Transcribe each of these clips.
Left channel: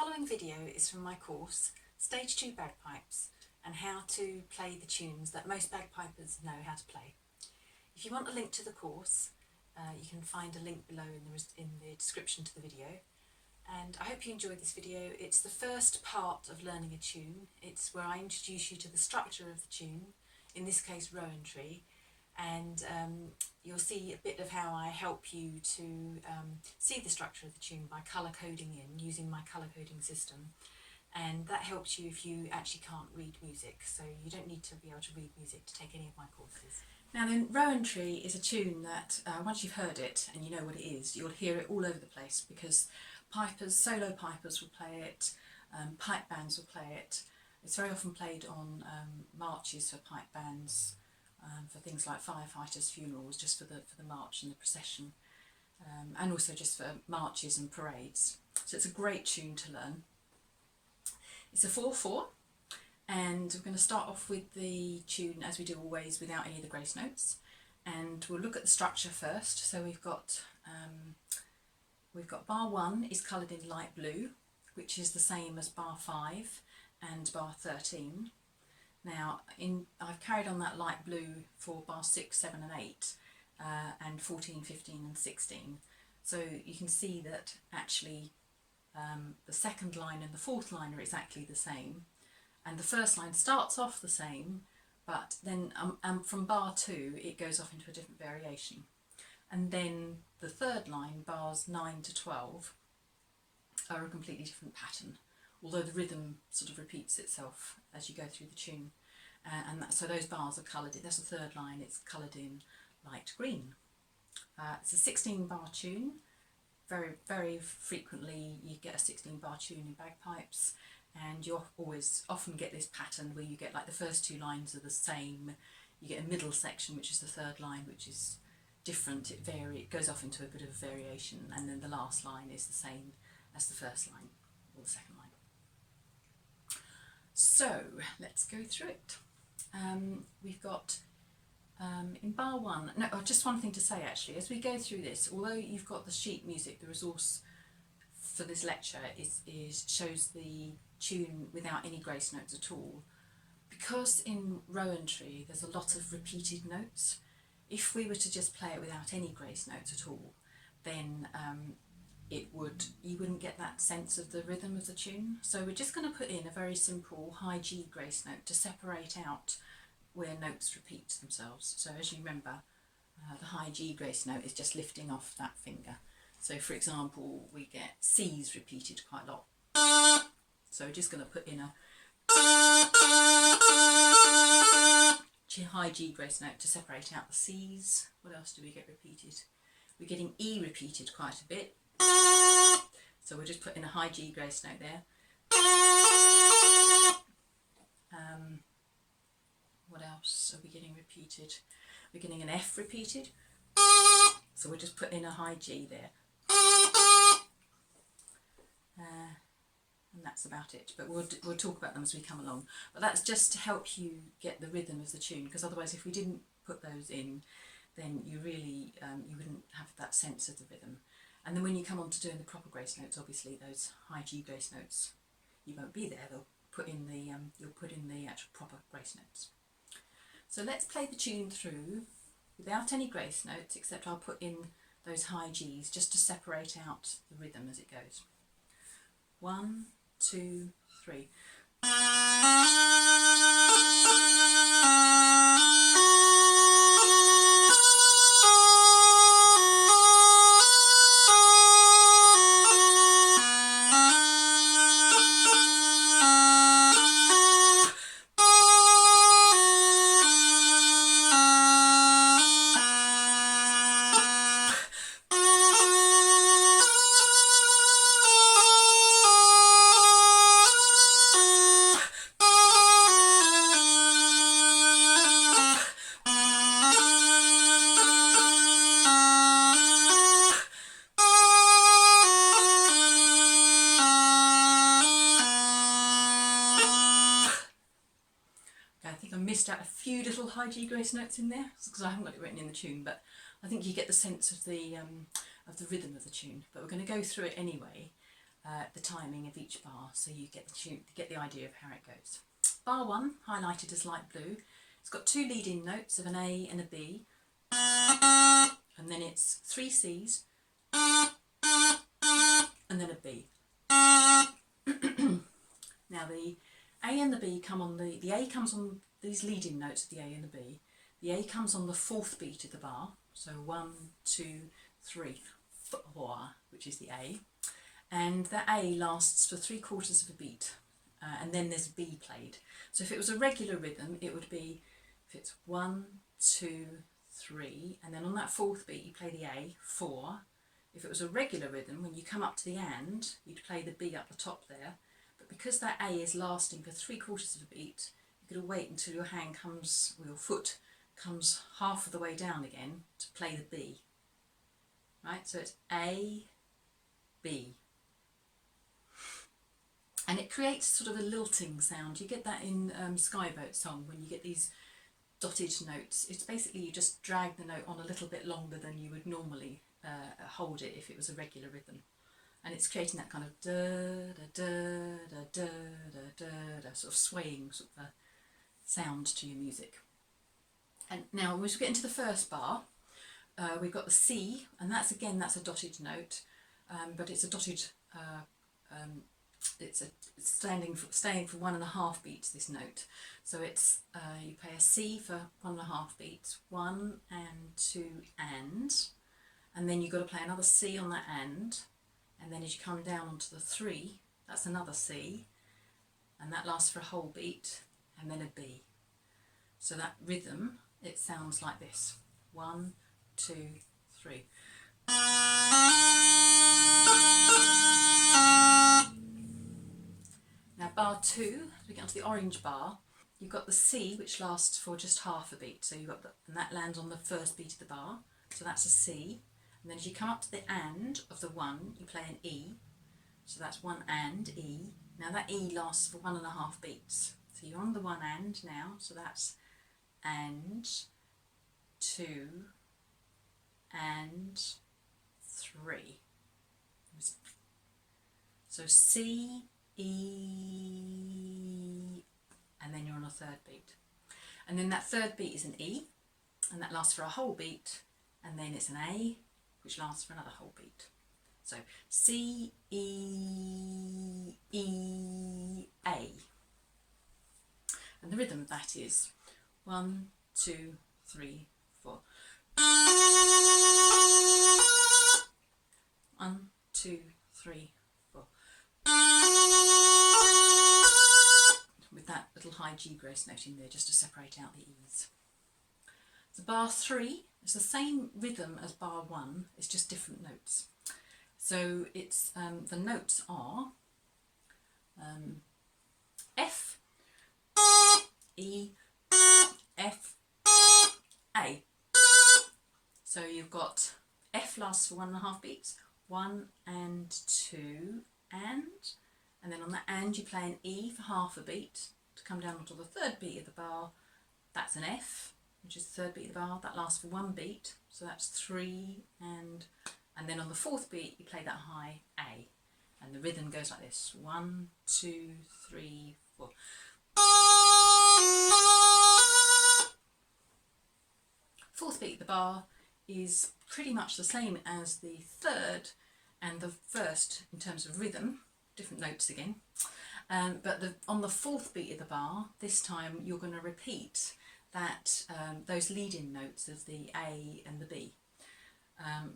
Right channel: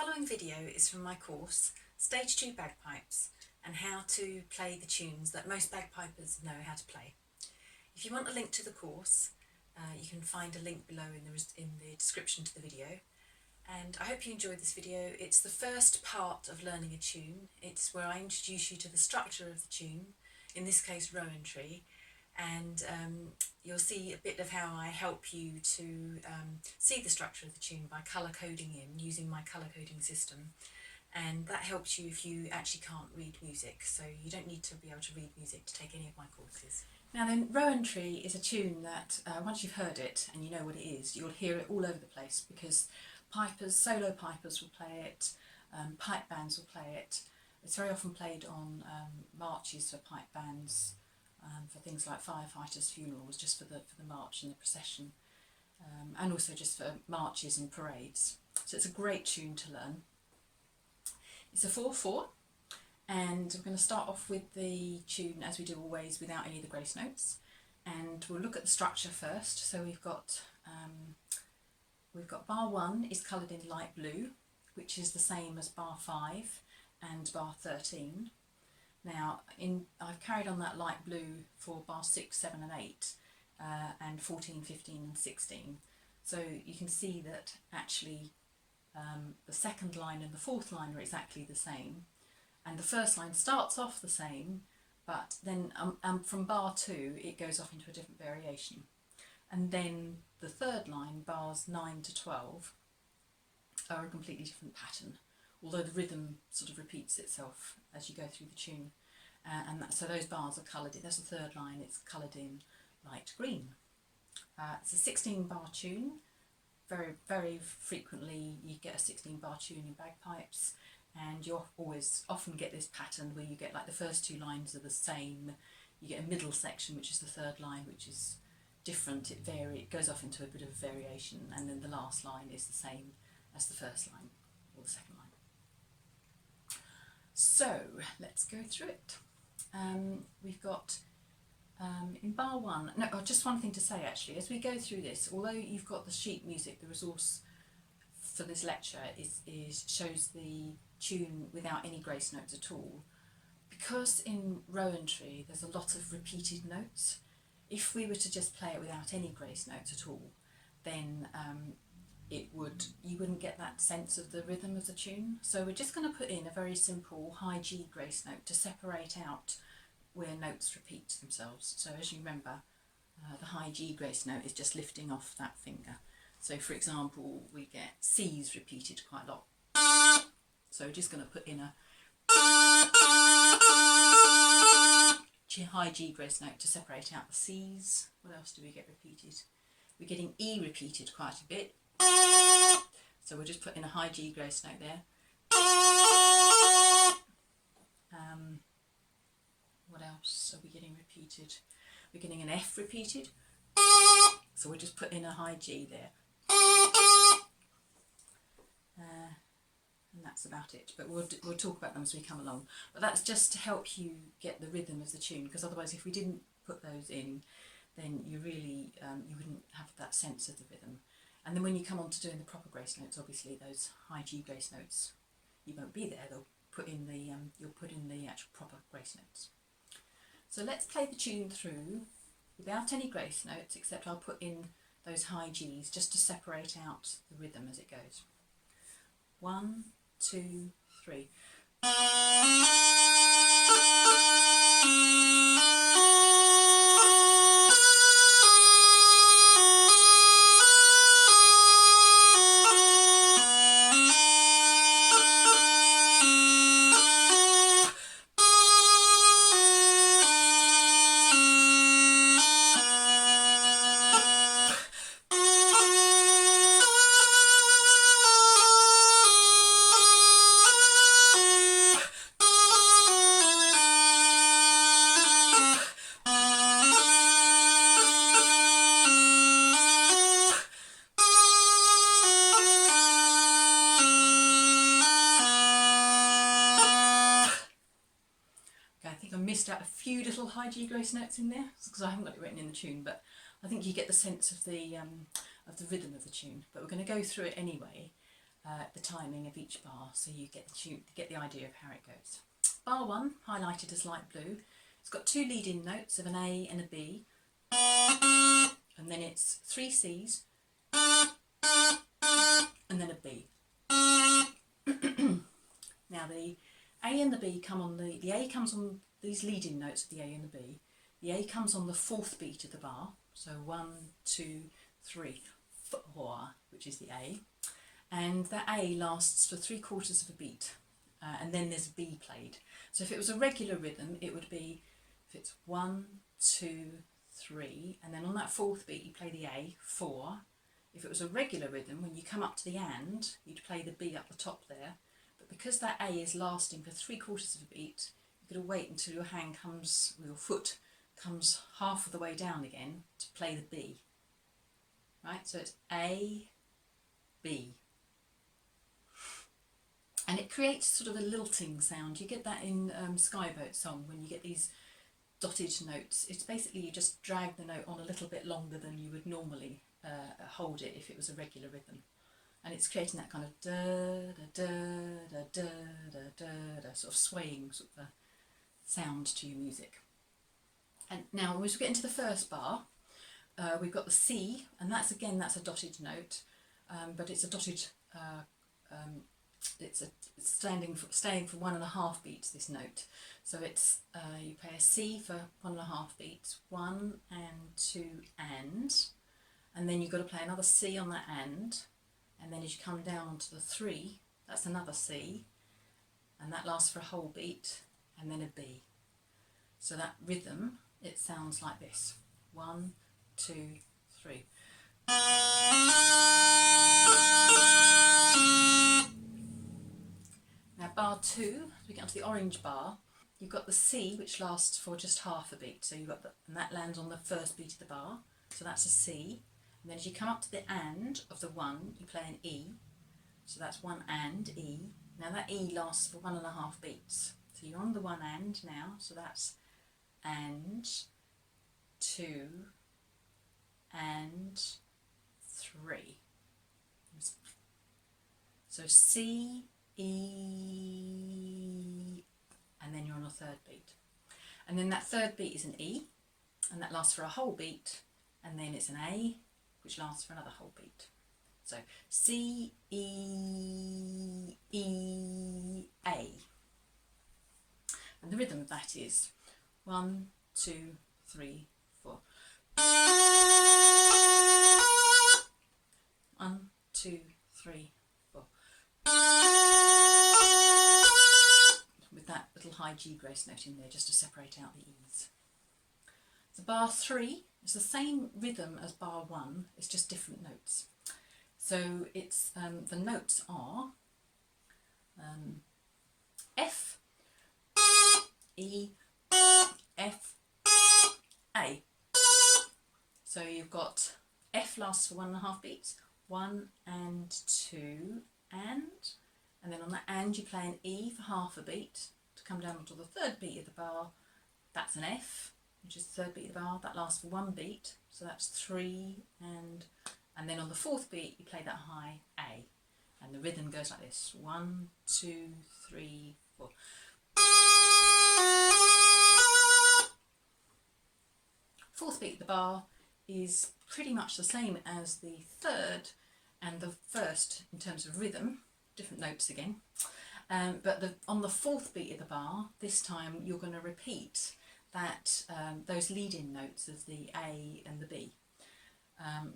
following video is from my course, Stage 2 Bagpipes, and how to play the tunes that most bagpipers know how to play. If you want a link to the course, you can find a link below in the description to the video. And I hope you enjoyed this video. It's the first part of learning a tune. It's where I introduce you to the structure of the tune, in this case Rowan Tree, and you'll see a bit of how I help you to see the structure of the tune by colour coding using my colour coding system. And that helps you if you actually can't read music, so you don't need to be able to read music to take any of my courses. Now then, Rowan Tree is a tune that once you've heard it and you know what it is, you'll hear it all over the place, because pipers, solo pipers will play it, pipe bands will play it. It's very often played on marches for pipe bands, for things like firefighters' funerals, just for the march and the procession, and also just for marches and parades. So it's a great tune to learn. It's a 4/4, and we're going to start off with the tune as we do always, without any of the grace notes, and we'll look at the structure first. So we've got bar 1 is coloured in light blue, which is the same as bar 5 and bar 13. Now I've carried on that light blue for bar 6, 7 and 8, and 14, 15 and 16. So you can see that actually the second line and the fourth line are exactly the same, and the first line starts off the same, but then from bar 2 it goes off into a different variation, and then the third line, bars 9 to 12, are a completely different pattern, although the rhythm sort of repeats itself as you go through the tune, so those bars are coloured in. That's the third line, it's coloured in light green. It's a 16 bar tune. Very frequently you get a 16 bar tune in bagpipes, and you often get this pattern where you get like the first two lines are the same, you get a middle section which is the third line which is different, it goes off into a bit of variation, and then the last line is the same as the first line or the second line. So let's go through it. We've got in bar 1, just one thing to say actually, as we go through this, although you've got the sheet music, the resource for this lecture shows the tune without any grace notes at all, because in Rowan Tree there's a lot of repeated notes. If we were to just play it without any grace notes at all, then you wouldn't get that sense of the rhythm of the tune. So we're just going to put in a very simple high G grace note to separate out where notes repeat themselves. So as you remember, the high G grace note is just lifting off that finger. So for example, we get C's repeated quite a lot. So we're just going to put in a high G grace note to separate out the C's. What else do we get repeated? We're getting E repeated quite a bit. So we'll just put in a high G grace note there. What else are we getting repeated? We're getting an F repeated. So we'll just put in a high G there. And that's about it, but we'll talk about them as we come along. But that's just to help you get the rhythm of the tune, because otherwise if we didn't put those in, then you really you wouldn't have that sense of the rhythm. And then when you come on to doing the proper grace notes, obviously those high G grace notes, you won't be there. They'll put in the you'll put in the actual proper grace notes. So let's play the tune through without any grace notes, except I'll put in those high G's just to separate out the rhythm as it goes. 1, 2, 3. Missed out a few little high G grace notes in there because I haven't got it written in the tune, but I think you get the sense of the rhythm of the tune. But we're going to go through it anyway, the timing of each bar, so you get the idea of how it goes. Bar 1, highlighted as light blue, it's got 2 lead-in notes of an A and a B, and then it's 3 C's, and then a B. Now the A and the B come on the A comes on these lead-in notes of the A and the B. The A comes on the 4th beat of the bar, so 1, 2, 3, 4, which is the A, and that A lasts for 3/4 of a beat, and then there's B played. So if it was a regular rhythm, it would be, if it's 1, 2, 3, and then on that 4th beat you play the A, 4. If it was a regular rhythm, when you come up to the and, you'd play the B up the top there. But because that A is lasting for 3/4 of a beat, you've got to wait until your hand comes, or your foot comes half of the way down again to play the B. Right, so it's A, B. And it creates sort of a lilting sound. You get that in Skyboat song when you get these dotted notes. It's basically you just drag the note on a little bit longer than you would normally hold it if it was a regular rhythm. And it's creating that kind of da da da da da da da sort of swaying sort of sound to your music. And now as we get into the first bar, we've got the C, and that's a dotted note, but it's a dotted it's staying for 1.5 beats, this note. So it's you play a C for 1.5 beats, 1 and 2 and then you've got to play another C on that and then as you come down onto the 3, that's another C, and that lasts for a whole beat, and then a B. So that rhythm, it sounds like this: 1, 2, 3. Now bar 2, as we get onto the orange bar, you've got the C, which lasts for just half a beat. So you've got and that lands on the 1st beat of the bar. So that's a C. And then as you come up to the and of the 1, you play an E. So that's 1 and E. Now that E lasts for 1.5 beats. So you're on the 1 and now. So that's and 2 and 3. So C, E, and then you're on a 3rd beat. And then that 3rd beat is an E, and that lasts for a whole beat, and then it's an A, which lasts for another whole beat. So C, E, E, A. And the rhythm of that is 1, 2, 3, 4. 1, 2, 3, 4. With that little high G grace note in there just to separate out the E's. So bar 3 is the same rhythm as bar 1, it's just different notes. So it's the notes are F, E, F, A. So you've got F lasts for 1.5 beats, 1 and 2 and then on that and you play an E for half a beat to come down onto the 3rd beat of the bar. That's an F, which is the 3rd beat of the bar. That lasts for 1 beat, so that's 3 and then on the 4th beat you play that high A, and the rhythm goes like this: 1, 2, 3, 4. 4th beat of the bar is pretty much the same as the 3rd and the 1st in terms of rhythm, different notes again, but on the 4th beat of the bar, this time you're going to repeat that those lead-in notes of the A and the B.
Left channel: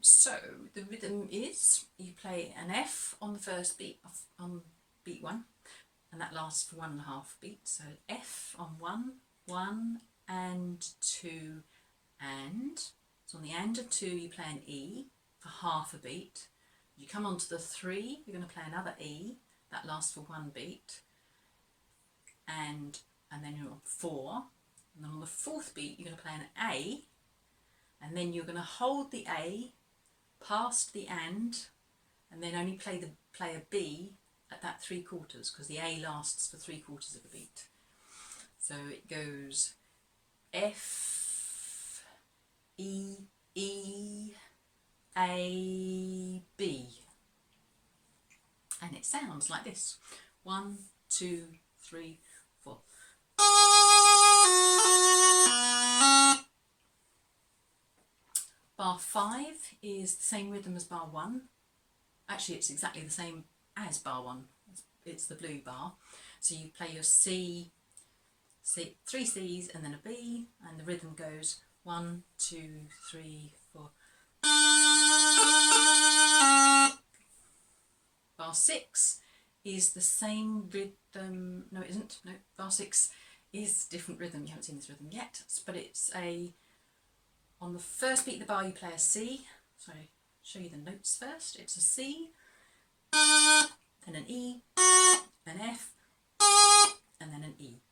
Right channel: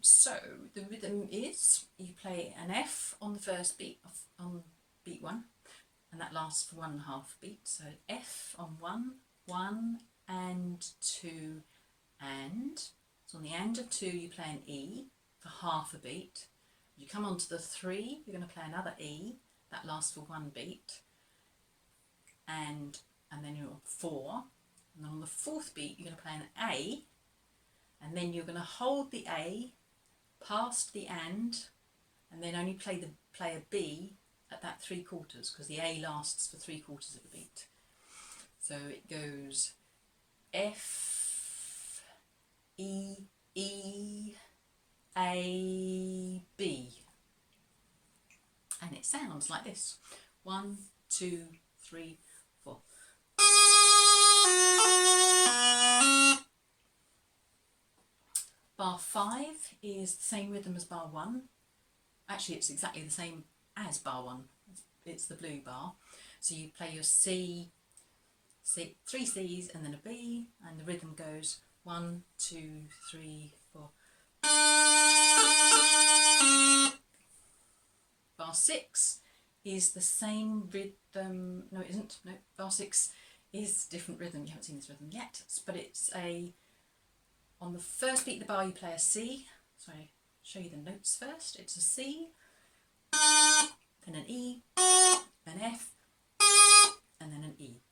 So the rhythm is you play an F on the 1st beat, on beat 1, and that lasts for 1.5 beats. So F on 1, 1 and 2 and. So on the and of 2 you play an E for half a beat. You come on to the 3, you're going to play another E, that lasts for 1 beat, and then you're on 4, and then on the 4th beat you're going to play an A, and then you're going to hold the A past the and then only play a B at that 3/4, because the A lasts for 3/4 of a beat. So it goes F, E, E, A, B. And it sounds like this. 1, 2, 3, 4. Bar 5 is the same rhythm as bar 1. Actually, it's exactly the same as bar 1. It's the blue bar. So you play your C, 3 C's and then a B, and the rhythm goes 1, 2, 3, 4. Bar 6 is the same rhythm. No, it isn't. No, bar 6 is different rhythm. You haven't seen this rhythm yet, but it's on the first beat of the bar you play a C. Sorry, show you the notes first. It's a C, then an E, an F, and then an E.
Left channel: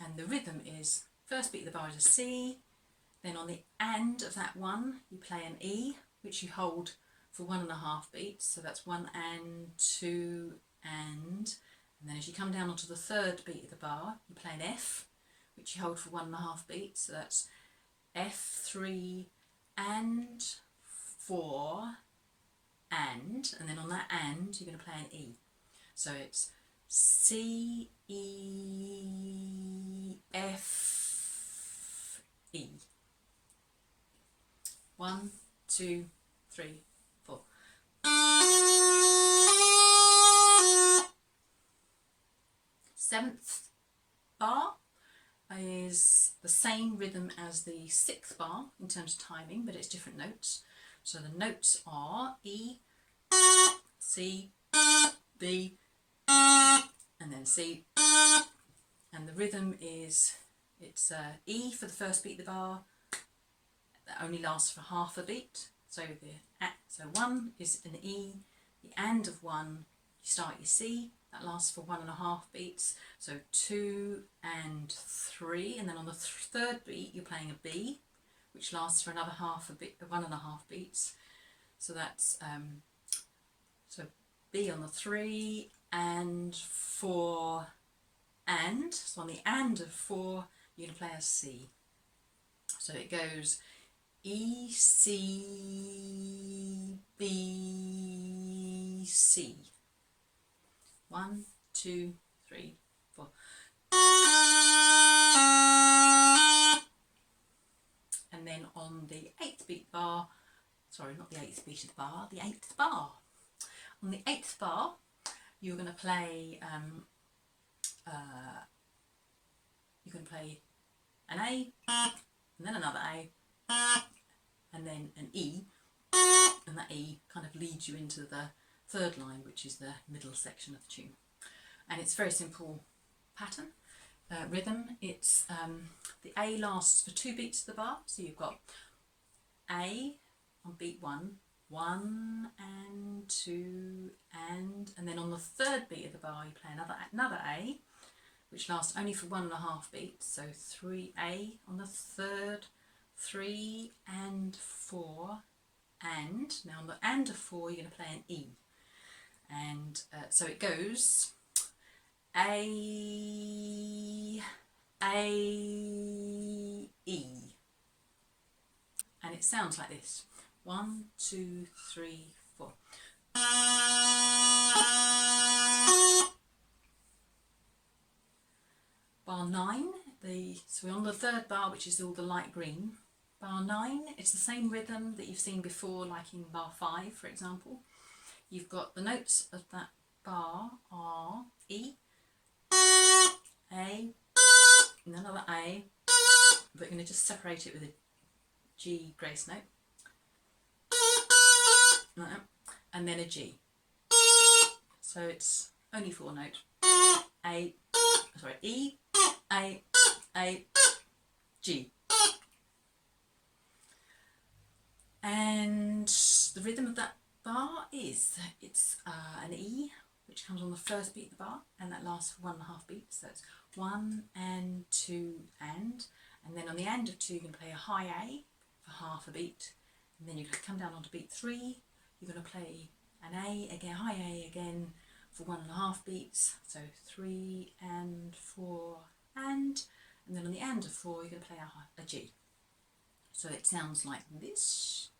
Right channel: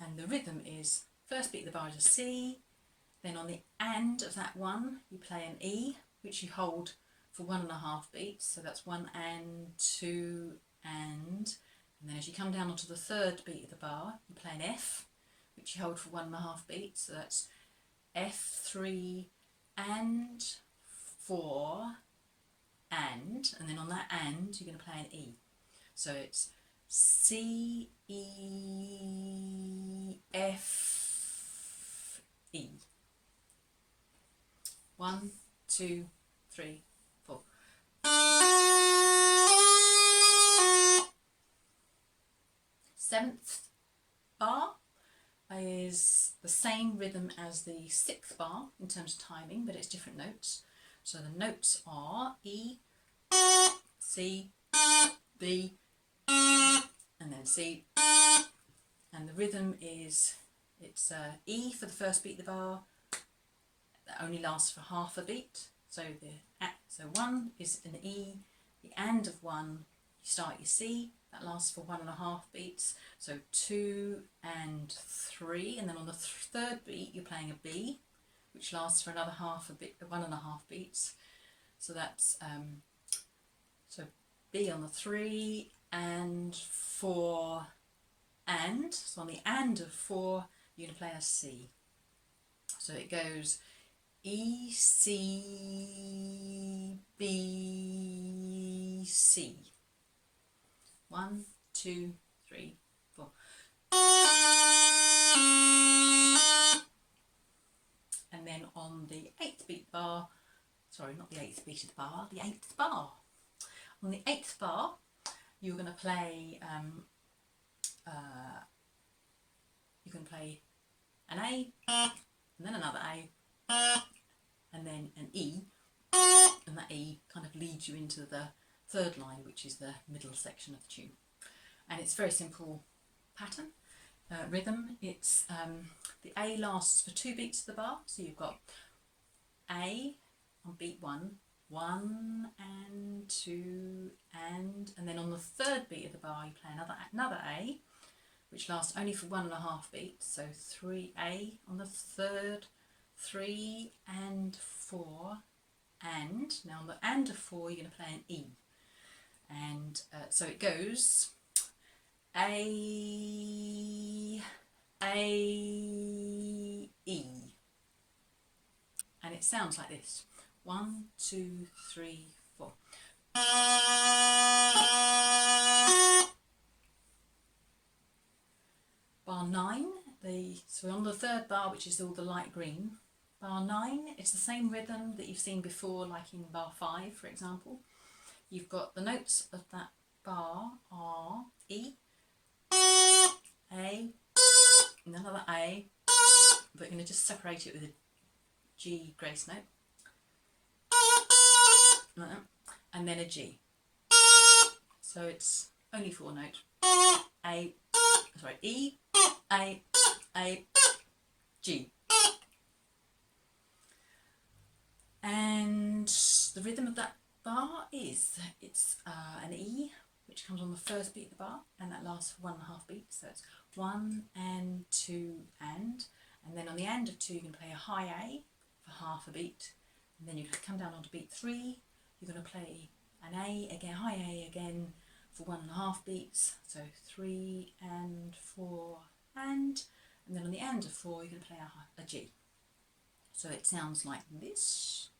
And the rhythm is, first beat of the bar is a C, then on the and of that one you play an E, which you hold for 1.5 beats, so that's 1 and 2 and then as you come down onto the third beat of the bar you play an F, which you hold for 1.5 beats, so that's F3 and 4 and then on that and you're going to play an E, so it's C, E, F, E. 1, 2, 3, 4. Seventh bar is the same rhythm as the 6th bar in terms of timing, but it's different notes. So the notes are E, C, B, and then C. And the rhythm is, it's E for the first beat of the bar. That only lasts for half a beat. So 1 is an E, the and of 1, you start your C, that lasts for 1.5 beats. So 2 and 3, and then on the third beat you're playing a B, which lasts for another 1.5 beats. So that's so B on the 3 and 4 and. So on the and of 4 you're going to play a C. So it goes E, C, B, C. 1, 2, 3, 4. And then on the 8th beat bar, sorry, not the 8th beat of the bar, the 8th bar. On the 8th bar, you're going to play an A, and then another A, and then an E, and that E kind of leads you into the third line, which is the middle section of the tune. And it's a very simple pattern, rhythm. It's the A lasts for 2 beats of the bar, so you've got A on beat 1, 1 and 2 and then on the third beat of the bar you play another A, which lasts only for 1.5 beats, so 3A on the third, 3 and 4 and. Now on the and of 4 you're going to play an E, and so it goes A, E, and it sounds like this. 1, 2, 3, 4. Bar 9, so we're on the third bar, which is all the light green. Bar 9, it's the same rhythm that you've seen before, like in bar 5, for example. You've got the notes of that bar are E, A, and another A, but we're going to just separate it with a G grace note, and then a G. So it's only 4 notes. E, A, G. And the rhythm of that bar is, it's an E, which comes on the first beat of the bar, and that lasts for 1.5 beats. So it's 1 and 2 and then on the and of 2 you can play a high A for half a beat, and then you come down onto beat 3, you're going to play an A again, high A again for 1.5 beats, so 3 and 4 and then on the and of 4 you're going to play a G. So it sounds like this.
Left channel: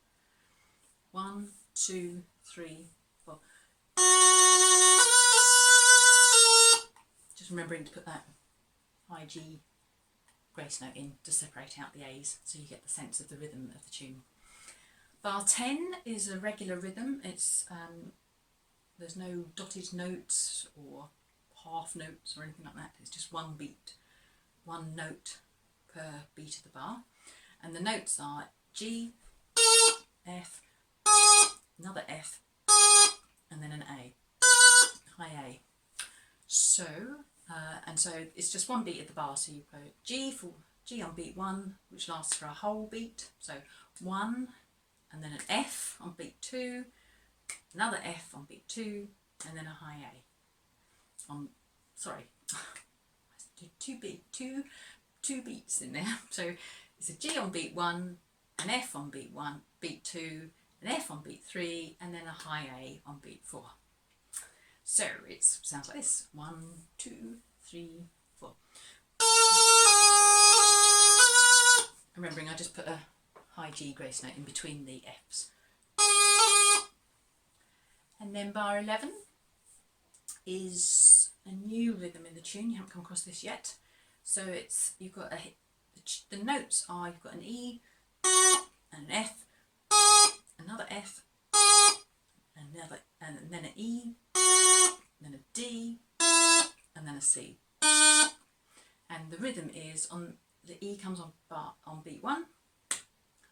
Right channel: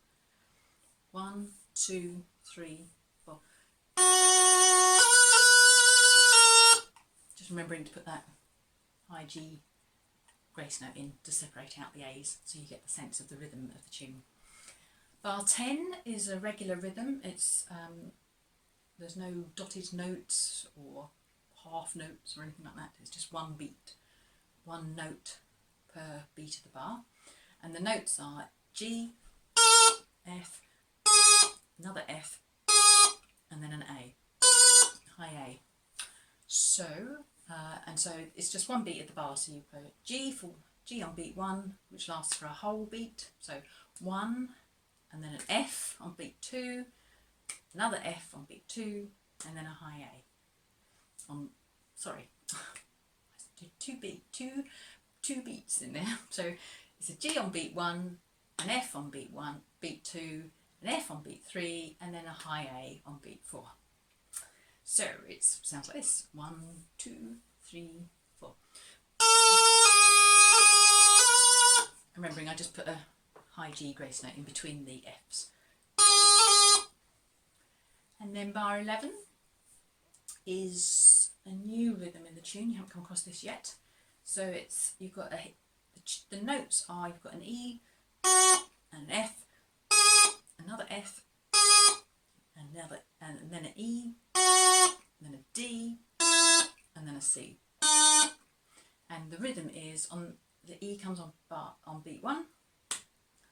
1, 2, 3, 4. Just remembering to put that high G grace note in to separate out the A's so you get the sense of the rhythm of the tune. Bar 10 is a regular rhythm. It's there's no dotted notes or half notes or anything like that. It's just one beat, one note per beat of the bar. And the notes are G, F, another F, and then an A, high A. So, and so it's just one beat of the bar. So you go G on beat 1, which lasts for a whole beat. So 1, and then an F on beat 2, another F on beat 2, and then a high A. Sorry, I did two beats in there. So it's a G on beat 1, an F on beat 1, beat 2, an F on beat 3, and then a high A on beat 4. So it sounds like this: 1, 2, 3, 4. Remembering I just put a high G grace note in between the F's. And then bar 11 is a new rhythm in the tune. You haven't come across this yet. So it's, you've got the notes are, you've got an E, and an F, another F, another, and then an E, and then a D, and then a C. And the rhythm is on, the E comes on beat 1,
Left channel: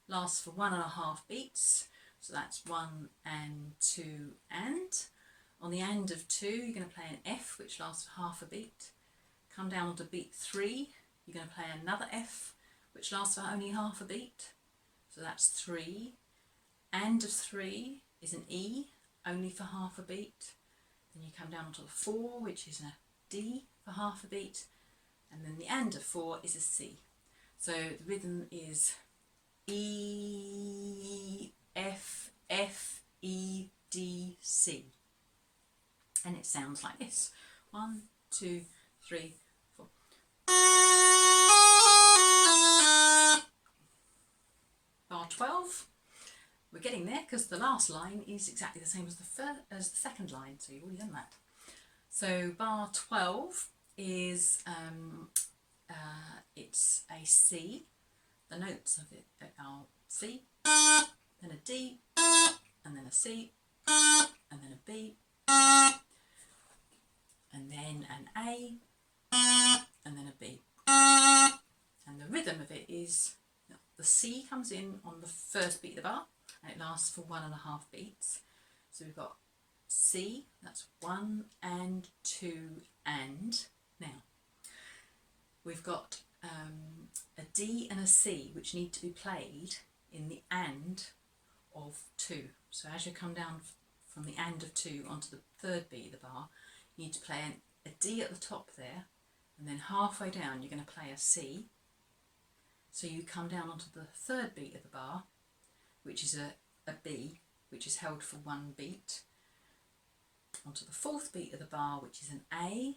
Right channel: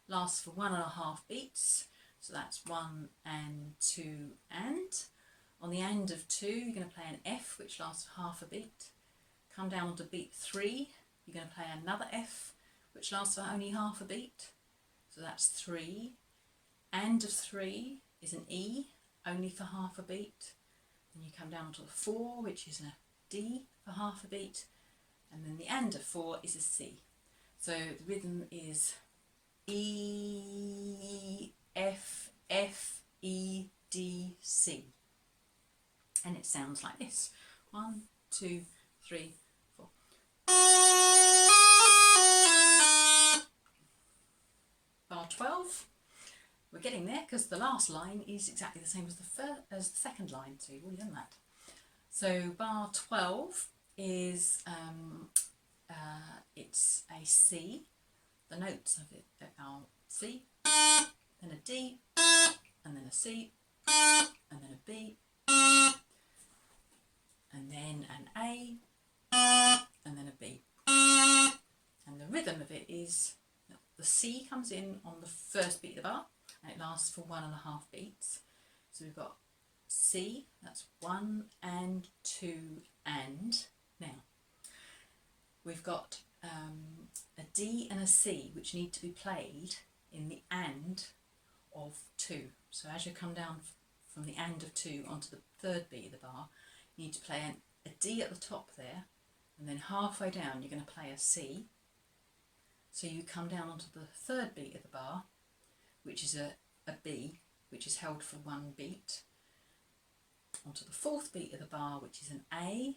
lasts for 1.5 beats. So that's 1 and 2 and. On the and of 2, you're going to play an F, which lasts for half a beat. Come down onto beat 3, you're going to play another F, which lasts for only half a beat. So that's 3. And of 3 is an E, only for half a beat. Then you come down onto the 4, which is a D for half a beat. And then the and of 4 is a C. So the rhythm is E, F, F, E, D, C. And it sounds like this: 1, 2, 3, 4. Bar 12. We're getting there because the last line is exactly the same as the second line, so you've already done that. So bar 12 is it's a C. The notes of it are C, then a D, and then a C, and then a B, and then an A, and then a B. And the rhythm of it is, the C comes in on the first beat of the bar, and it lasts for 1.5 beats. So we've got C, that's 1 and 2 and. Now, we've got a D and a C, which need to be played in the and of 2. So as you come down from the and of 2 onto the third beat of the bar, you need to play a D at the top there, and then halfway down you're going to play a C. So you come down onto the third beat of the bar, which is a B, which is held for 1 beat, onto the fourth beat of the bar, which is an A,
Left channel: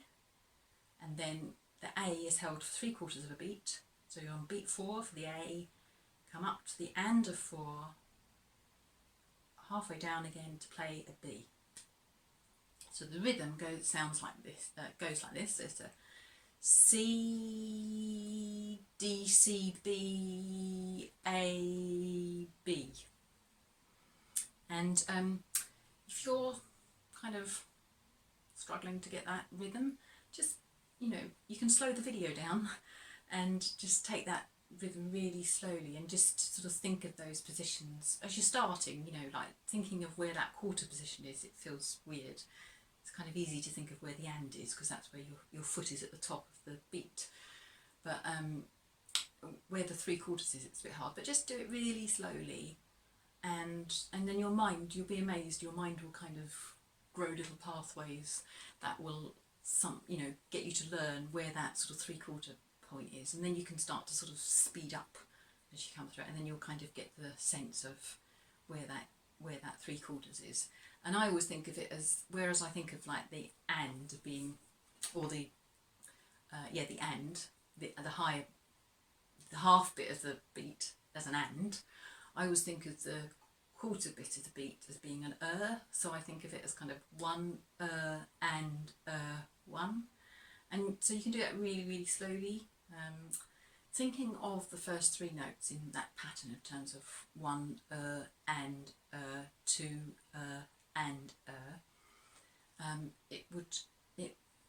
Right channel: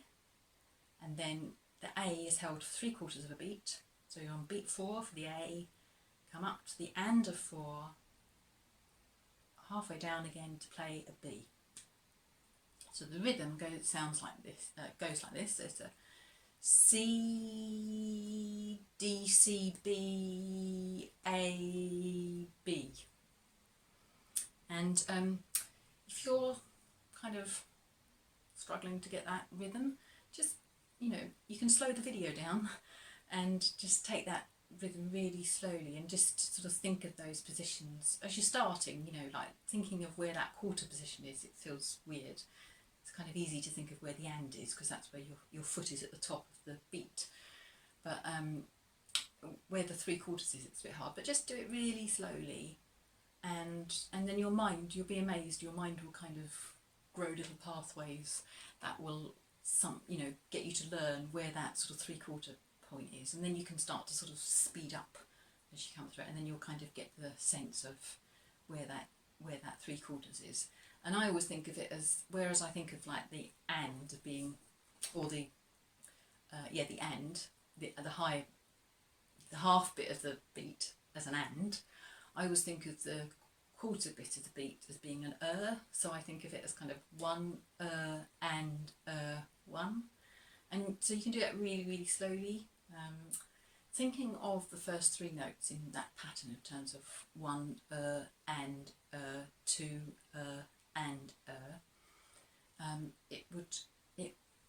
and then the A is held for 3/4 of a beat. So you're on beat 4 for the A, come up to the and of 4, halfway down again to play a B. So the rhythm goes like this. It's a C, D, C, B, A, B. And if you're kind of struggling to get that rhythm, just, you can slow the video down and just take that rhythm really slowly and just sort of think of those positions as you're starting, like thinking of where that quarter position is. It feels weird. It's kind of easy to think of where the and is because that's where your foot is at the top of the beat. But where the 3/4 is, it's a bit hard. But just do it really slowly, and then you'll be amazed. Your mind will kind of grow little pathways that will get you to learn where that sort of 3/4 point is, and then you can start to sort of speed up as you come through it, and then you'll kind of get the sense of where that 3/4 is. And I always think of it as, whereas I think of like the and being, or the and, the half bit of the beat as an and, I always think of the quarter bit of the beat as being an. So I think of it as kind of 1 and 1, And so you can do it really, really slowly, thinking of the first three notes in that pattern in terms of one, and, two, and,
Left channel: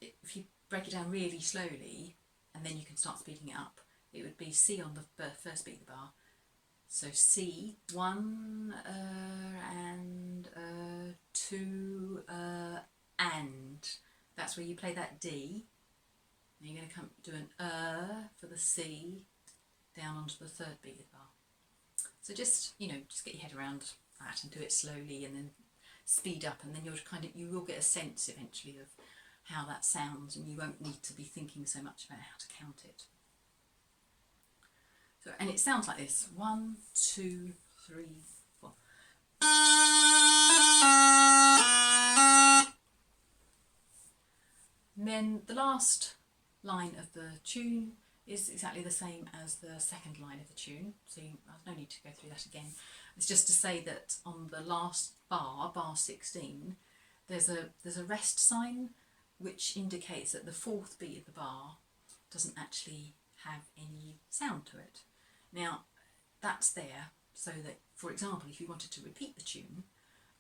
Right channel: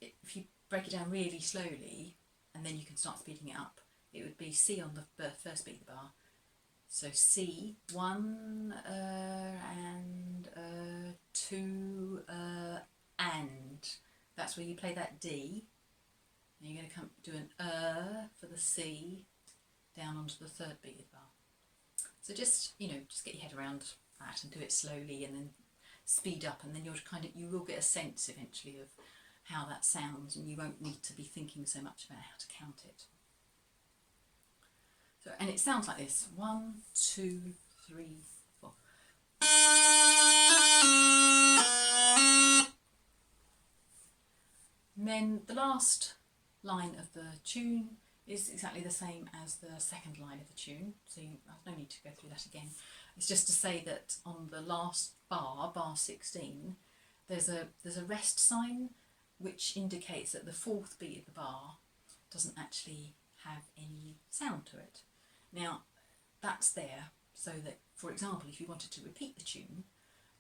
if you break it down really slowly, and then you can start speeding it up, it would be C on the first beat of the bar. So C, one, and, two, and. That's where you play that D. Now you're going to come do an for the C down onto the third beat of the bar. So just get your head around that and do it slowly, and then speed up, and then you will get a sense eventually of how that sounds, and you won't need to be thinking so much about how to count it. So, and it sounds like this: 1, 2, 3, 4. And then the last line of the tune is exactly the same as the second line of the tune, so I've no need to go through that again. It's just to say that on the last bar, bar 16, there's a rest sign which indicates that the fourth beat of the bar doesn't actually have any sound to it. Now that's there so that, for example, if you wanted to repeat the tune,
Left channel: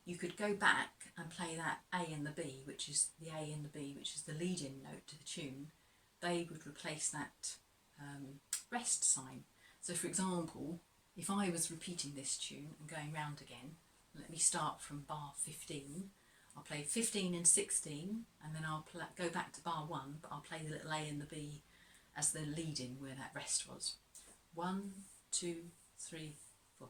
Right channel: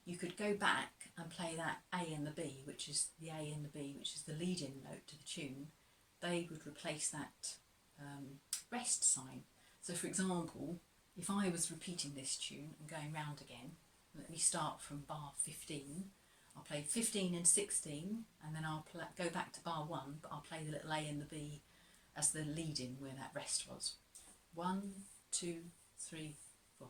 you could go back and play that A and the B, which is the A and the B, which is the lead-in note to the tune. They would replace that rest sign. So for example, if I was repeating this tune and going round again, let me start from bar 15. I'll play 15 and 16, and then I'll go back to bar 1, but I'll play the little A and the B as the lead-in where that rest was. 1, 2, 3, 4.